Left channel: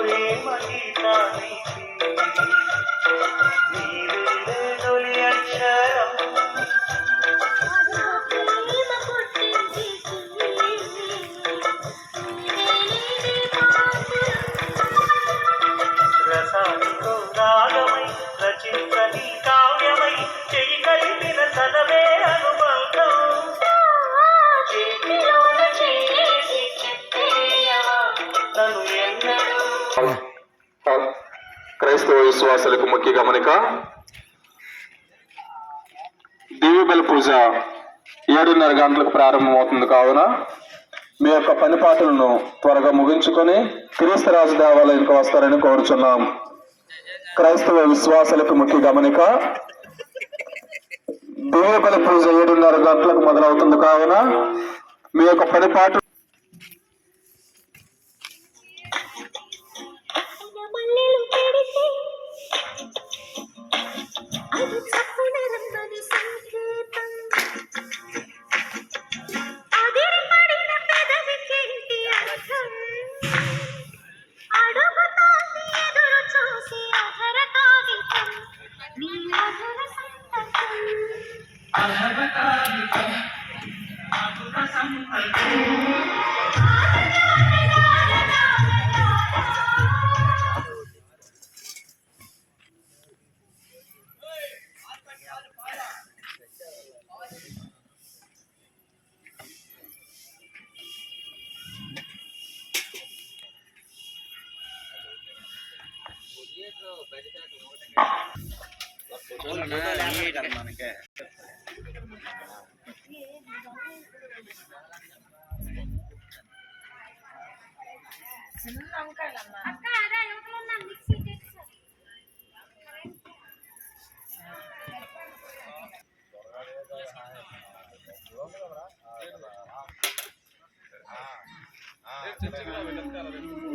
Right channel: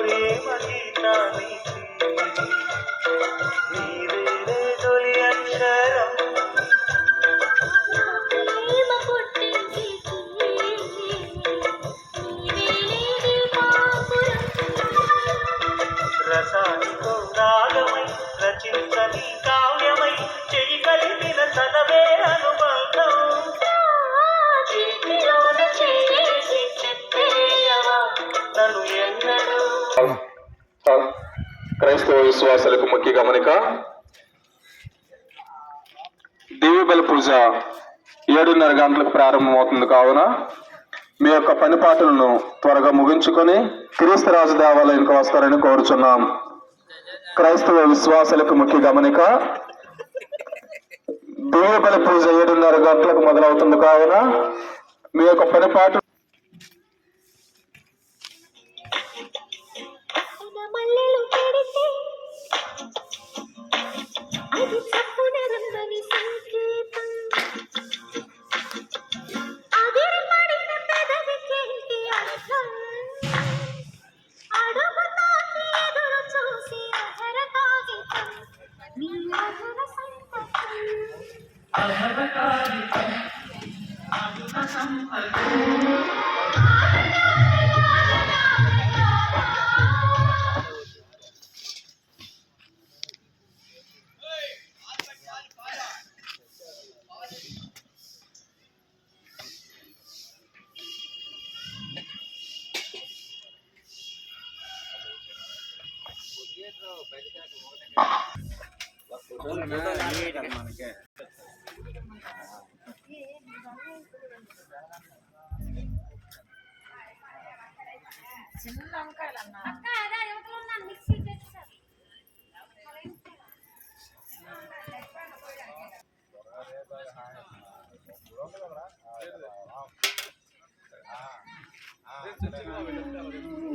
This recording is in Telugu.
ప్రేమ గీతానికి నీవేలే తొలి అక్షరం. రసానికో రాగమై రచించని కావ్యమై చెయ్యి కలిపిన చదవే అనుబంధం. తను ఎన్నడూ క్రైస్తవ విశ్వాసాలకు ముఖ్య గమనిక. దివ్యబలి పూజ 7:30 గంటలకు ప్రారంభమవుతుంది కావున మీ యొక్క పని పాటలను త్వరగా ముగించుకొని క్రీస్తు రాజు దేవాలయానికి వస్తారని కోరుచున్నాం. క్రైస్తవ విశ్వాసాలకు ముఖ్య గమనిక. దివ్యబలి పూజ 7:30 గంటలకు మొదలవుతుంది కావున మీ యొక్క పని పాట చర్చకి